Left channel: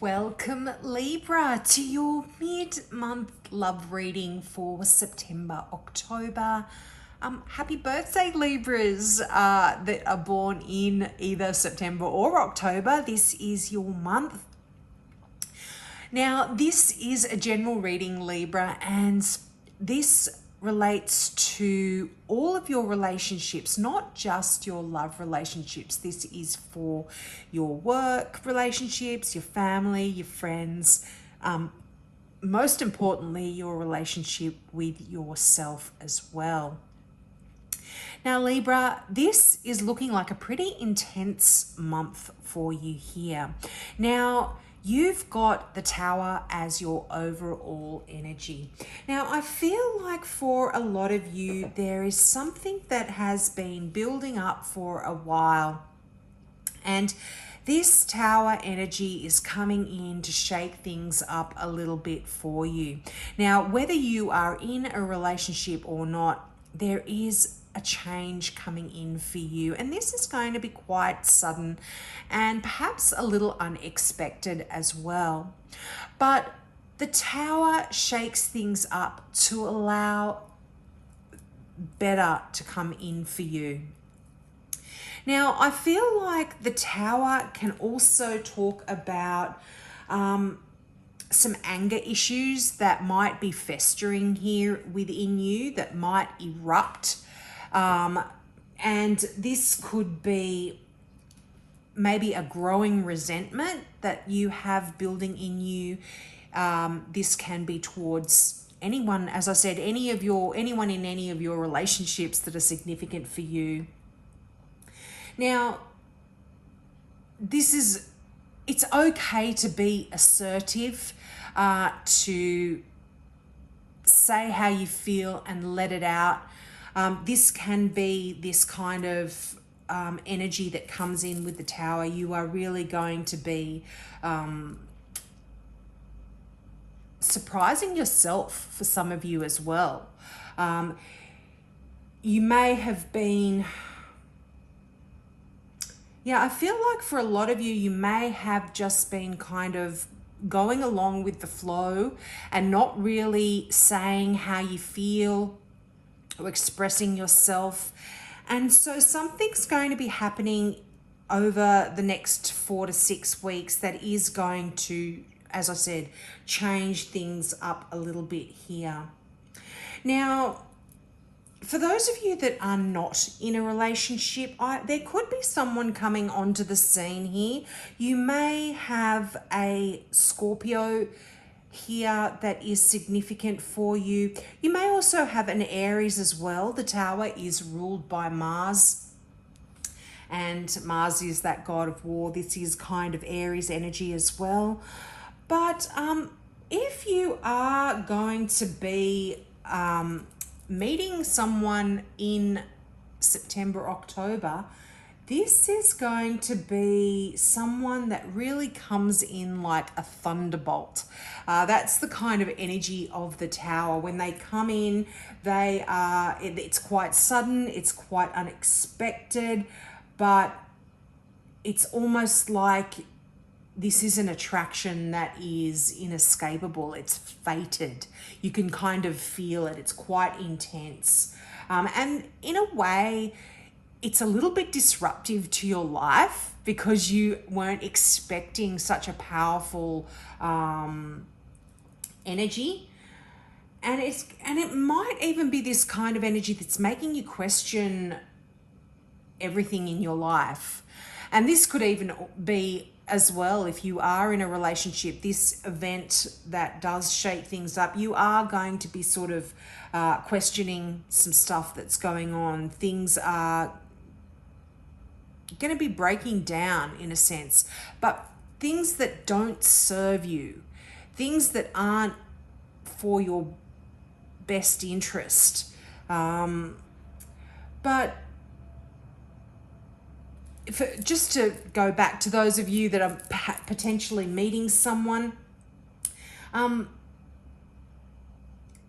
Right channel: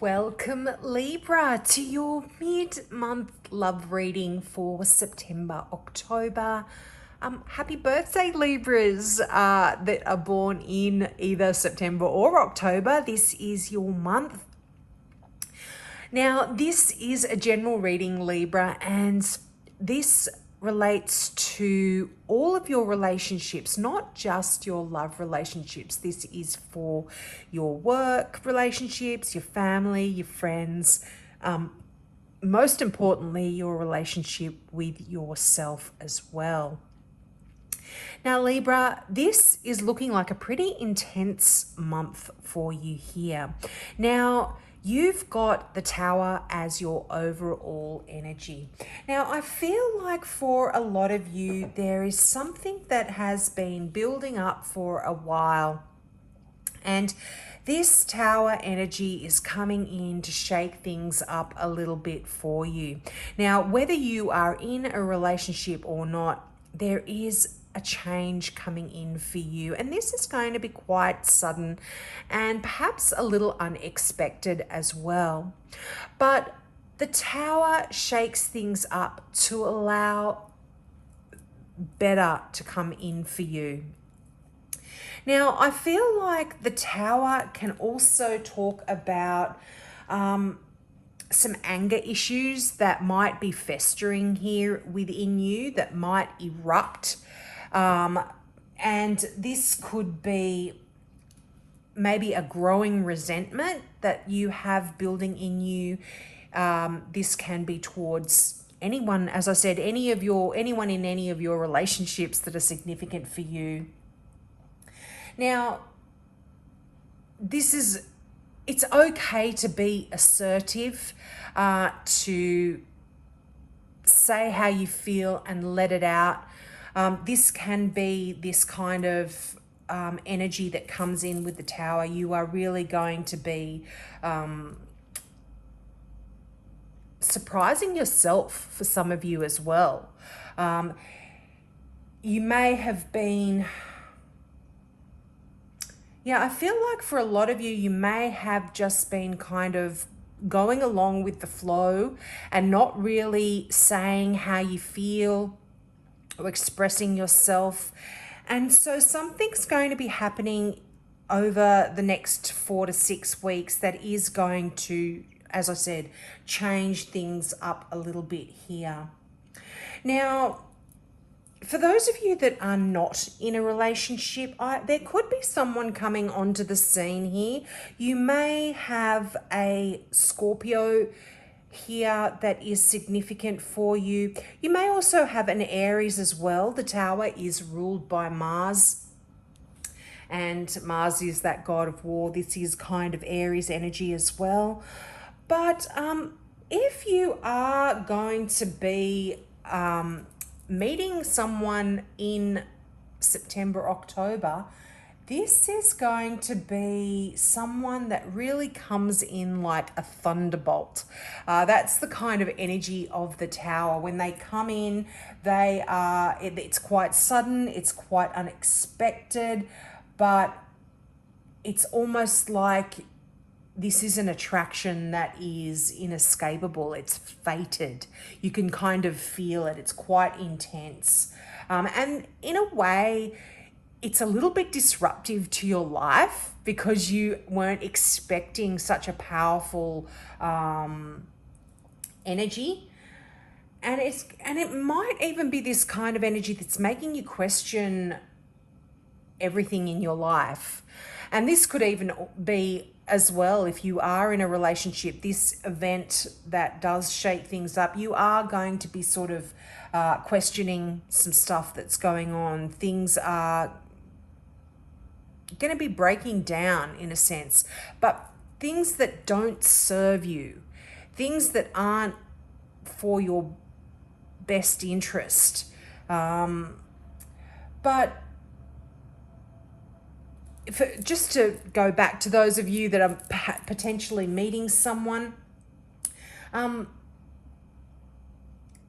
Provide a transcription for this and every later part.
Welcome, Libra, to your mid-month love reading for September, October. Happy birthday, Libras that are born in either September or October. This is your month. Now, this is a general reading, Libra, and this relates to all of your relationships, not just your love relationships. This is for your work relationships, your family, your friends, most importantly, your relationship with yourself as well. Now, Libra, this is looking like a pretty intense month for you here. Now, you've got the Tower as your overall energy. Now, I feel like for a lot of you, there is something that has been building up for a while. And this Tower energy is coming in to shake things up a little bit for you. Now, whether you are in a relationship or not, there is a change coming in for you, and this is going to be quite sudden and perhaps a little unexpected as well. But the Tower shakes things up to allow better to come in for you. Now, I feel like the Tower can also talk about some anger issues that might be festering here within you, that might erupt. And this could be maybe a growing resentment that you have building in you. This can be towards anyone, as I said, anyone in any of your relationships that are significant for you. Now, it's okay to be assertive, to say how you feel and let it out. This can be this kind of energy that comes in with the Tower. You are really going to be surprising yourself for some of you as well. You may have been... I feel like for a lot of you, you may have just been kind of going along with the flow and not really saying how you feel or expressing yourself. And so something's going to be happening over the next 4 to 6 weeks that is going to, as I said, change things up a little bit here. Now, for those of you that are not in a relationship, there could be someone coming onto the scene here. You may have a Scorpio here that is significant for you. You may also have an Aries as well. The Tower is ruled by Mars, and Mars is that god of war. This is kind of Aries energy as well. But if you are going to be meeting someone in September, October, this is going to be someone that really comes in like a thunderbolt. That's the kind of energy of the Tower. When they come in, it's quite sudden, it's quite unexpected, but it's almost like this is an attraction that is inescapable. It's fated. You can kind of feel it. It's quite intense. And in a way, it's a little bit disruptive to your life because you weren't expecting such a powerful energy. And it might even be this kind of energy that's making you question everything in your life. And this could even be as well, if you are in a relationship, this event that does shake things up, you are going to be sort of questioning some stuff that's going on. Things are going to be breaking down in a sense, but things that don't serve you, things that aren't for your best interest. But just to go back to those of you that are potentially meeting someone,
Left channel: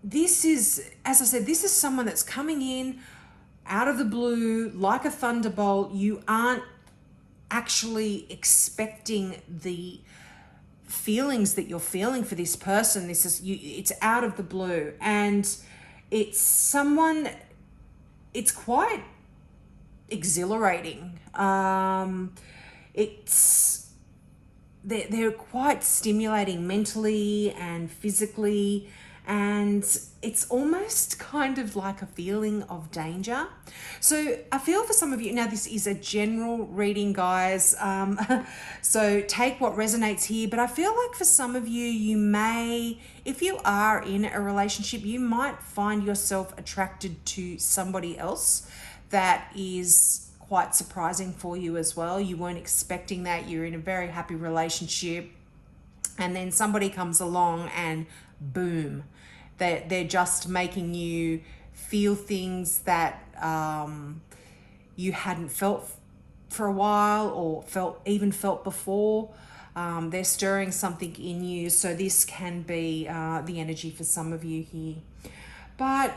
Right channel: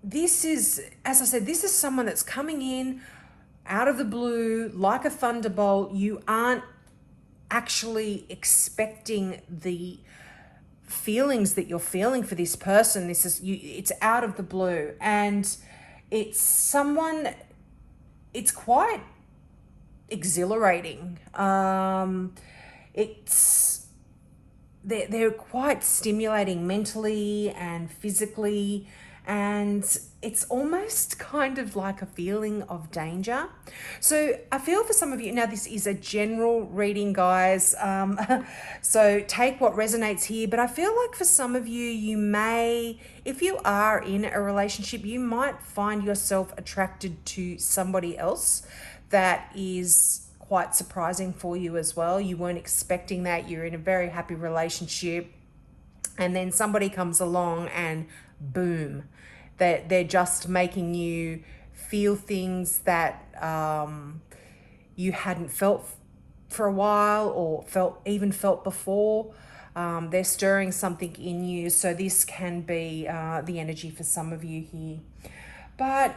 this is, as I said, this is someone that's coming in out of the blue like a thunderbolt. You aren't actually expecting the feelings that you're feeling for this person. This is you, it's out of the blue, and it's someone, it's quite exhilarating. It's they're quite stimulating mentally and physically, and it's almost kind of like a feeling of danger. So I feel for some of you, now this is a general reading, guys, so take what resonates here, but I feel like for some of you, you may, if you are in a relationship, you might find yourself attracted to somebody else that is quite surprising for you as well. You weren't expecting that. You're in a very happy relationship, and then somebody comes along and boom, they're just making you feel things that you hadn't felt for a while, or felt before. They're stirring something in you. So this can be the energy for some of you here. But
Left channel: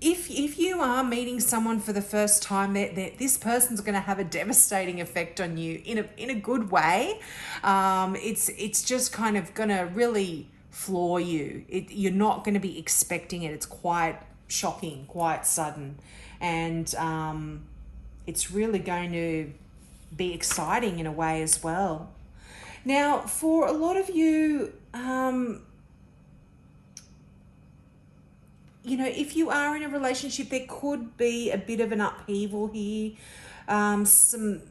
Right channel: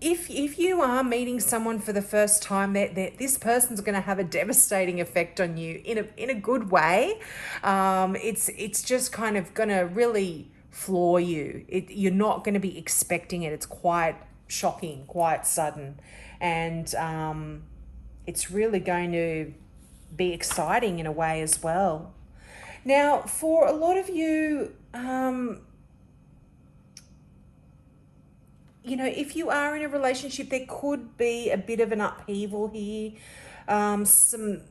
if you are meeting someone for the first time, this person's going to have a devastating effect on you in a good way. It's just kind of going to really floor you. You're not going to be expecting it. It's quite shocking, quite sudden, and it's really going to be exciting in a way as well. Now, for a lot of you, you know, if you are in a relationship, there could be a bit of an upheaval here, something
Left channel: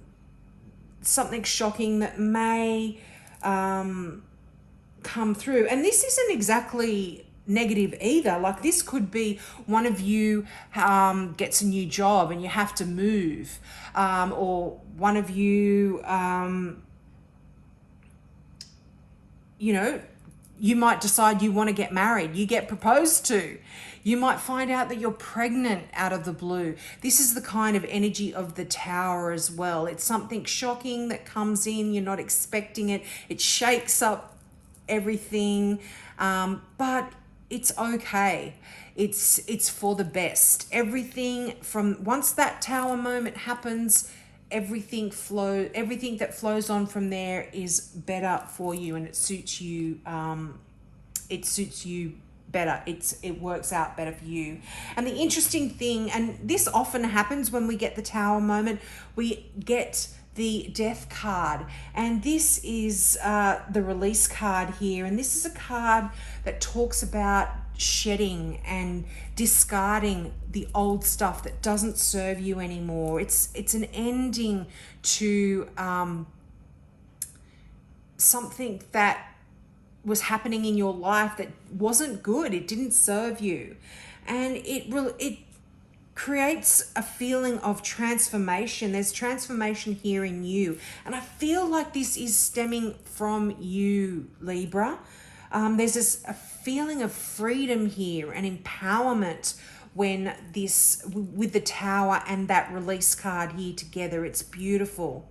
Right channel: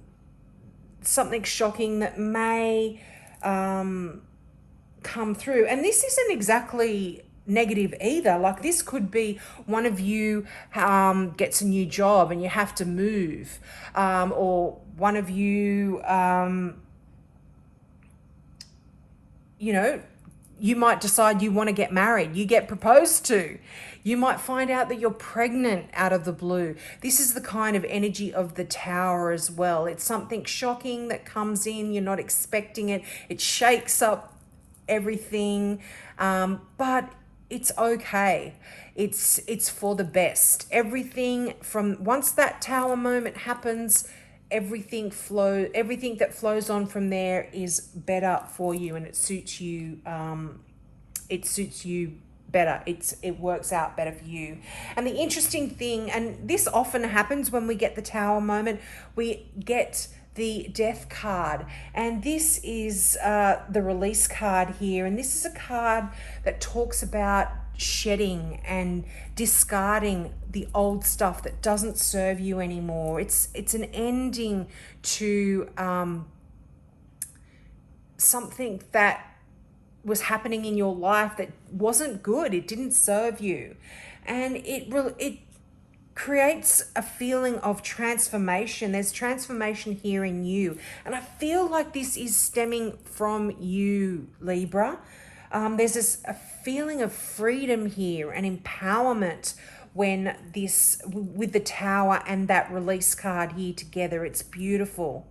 shocking that may come through. And this isn't exactly negative either. Like, this could be one of you gets a new job and you have to move, or one of you, you know, you might decide you want to get married, you get proposed to. You might find out that you're pregnant out of the blue. This is the kind of energy of the Tower as well. It's something shocking that comes in, you're not expecting it. It shakes up everything, but it's okay. It's for the best. Everything from once that Tower moment happens, everything that flows on from there is better for you, and it suits you. It suits you better. It works out better for you. And the interesting thing, and this often happens when we get the Tower moment, we get the Death card, and this is the release card here, and this is a card that talks about shedding and discarding the old stuff that doesn't serve you anymore. It's an ending to something that was happening in your life that wasn't good. It didn't serve you, and it creates a feeling of transformation. There's transformation here in you, and I feel like this is stemming from you, Libra. There's a feeling of freedom here and empowerment when this, with the Tower and that release card here together. It's beautiful.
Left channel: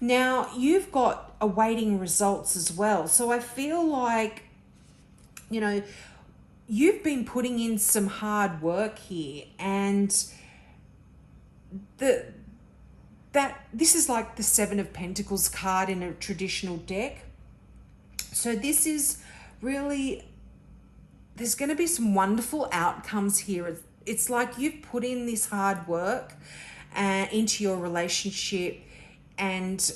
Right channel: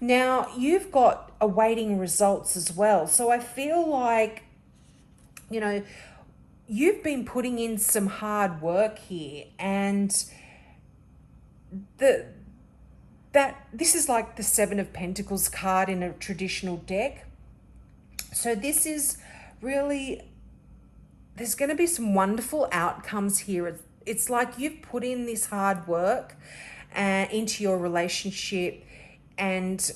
Now, you've got awaiting results as well. So I feel like, you know, you've been putting in some hard work here, and this is like the Seven of Pentacles card in a traditional deck. So this is really, there's going to be some wonderful outcomes here. It's like you've put in this hard work into your relationship, and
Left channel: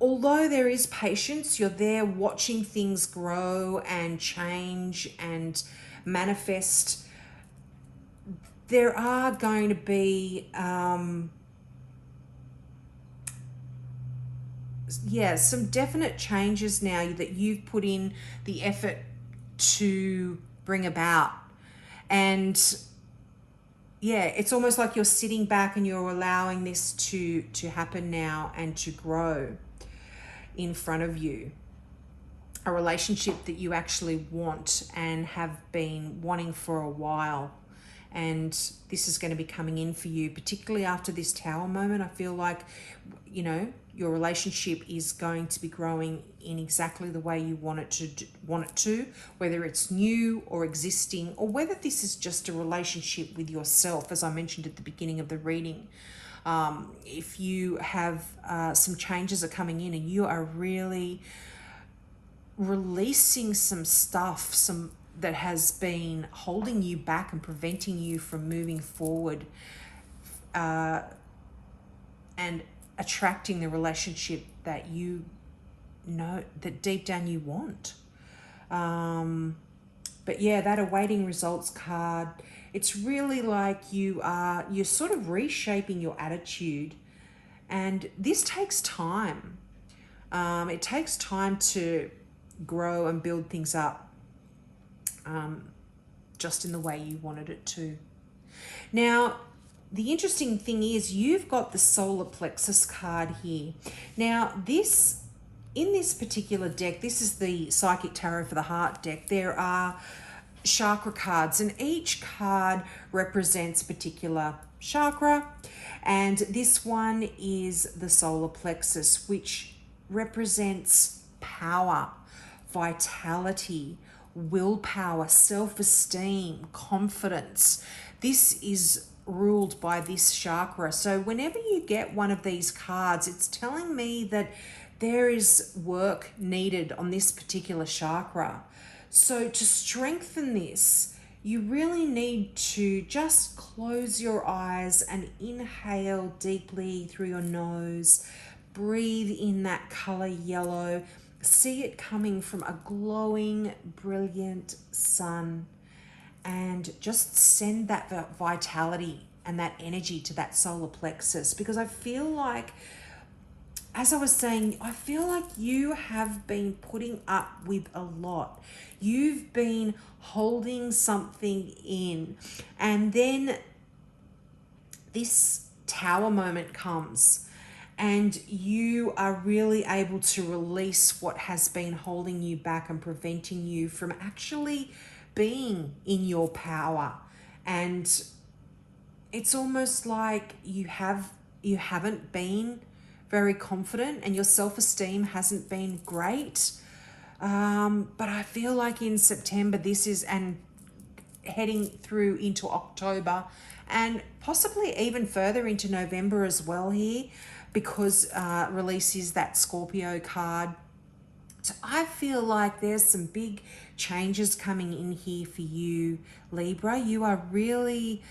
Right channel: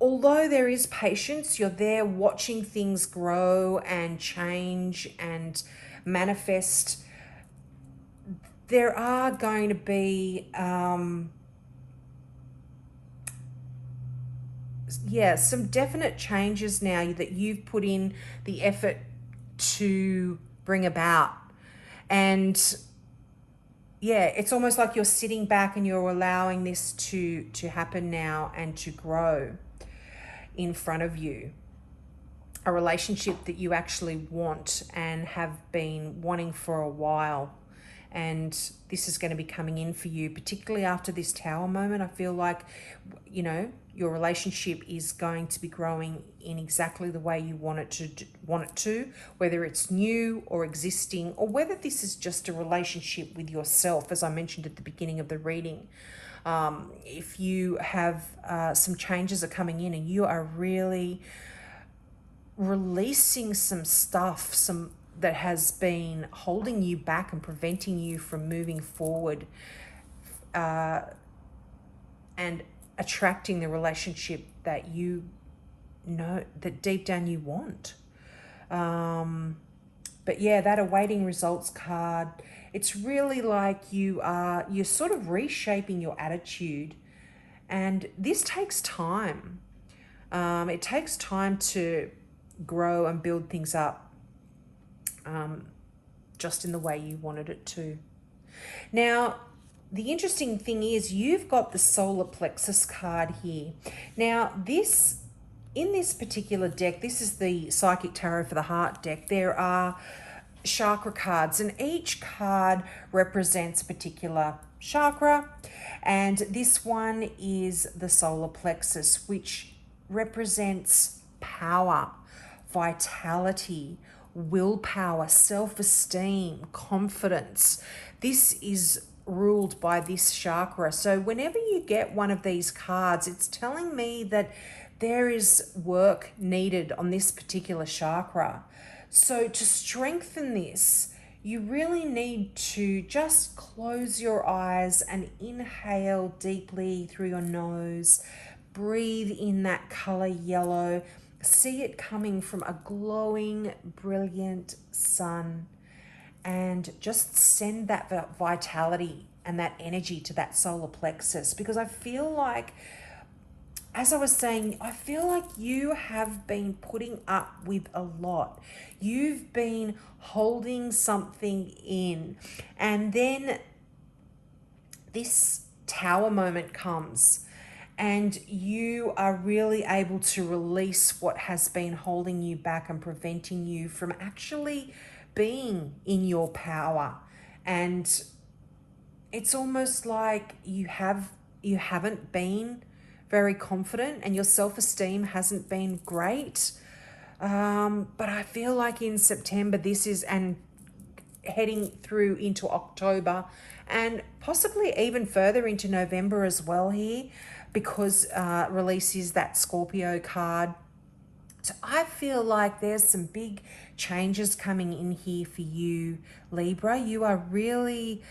although there is patience, you're there watching things grow and change and manifest. There are going to be some definite changes now that you've put in the effort to bring about. And yeah, it's almost like you're sitting back and you're allowing this to happen now and to grow in front of you. A relationship that you actually want and have been wanting for a while. And this is going to be coming in for you, particularly after this Tower moment. I feel like, you know, your relationship is going to be growing in exactly the way you want it to, whether it's new or existing, or whether this is just a relationship with yourself, as I mentioned at the beginning of the reading. If you have some changes are coming in and you are really releasing some stuff, some that has been holding you back and preventing you from moving forward, and attracting the relationship that you know that deep down you want. But yeah, that awaiting results card, it's really like you're sort of reshaping your attitude, and this takes time. It takes time to grow and build things up, just in the way you wanted it to. Now, the interesting thing is you've got the solar plexus card here. Now, in this particular deck, this is the Psychic Tarot for the Heart deck. There are chakra cards, and each card represents a particular chakra. And this one is the solar plexus, which represents power, vitality, willpower, self-esteem, confidence. This is ruled by this chakra. So whenever you get one of these cards, it's telling me that there is work needed on this particular chakra. So to strengthen this, you really need to just close your eyes and inhale deeply through your nose. Breathe in that color yellow. See it coming from a glowing, brilliant sun. And just send that vitality and that energy to that solar plexus, because I feel like, as I was saying, I feel like you have been putting up with a lot. You've been holding something in, and then this tower moment comes and you are really able to release what has been holding you back and preventing you from actually being in your power. And it's almost like you haven't been very confident and your self-esteem hasn't been great. But I feel like in September and heading through into October and possibly even further into November as well here, because releases that Scorpio card. So I feel like there's some big changes coming in here for you, Libra. You are really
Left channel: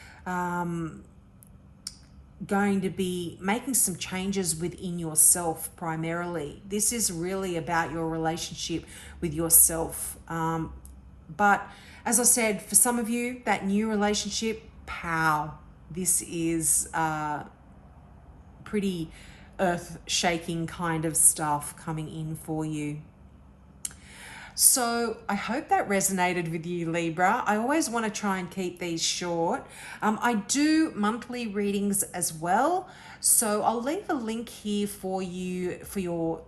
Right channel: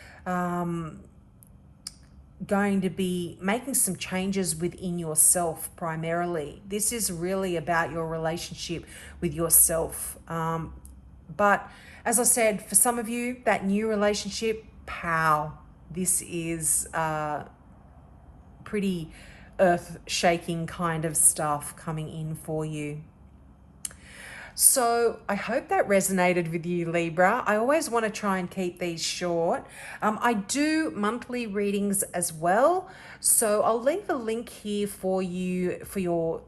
going to be making some changes within yourself primarily. This is really about your relationship with yourself. But as I said, for some of you, that new relationship, pow, this is pretty earth-shaking kind of stuff coming in for you. So I hope that resonated with you, Libra. I always want to try and keep these short. I do monthly readings as well. So I'll leave a link here for you for your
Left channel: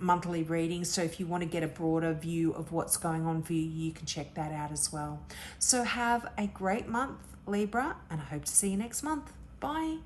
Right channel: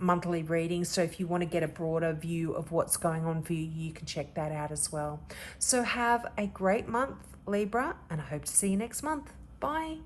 monthly readings. So if you want to get a broader view of what's going on for you, you can check that out as well. So have a great month, Libra, and I hope to see you next month. Bye.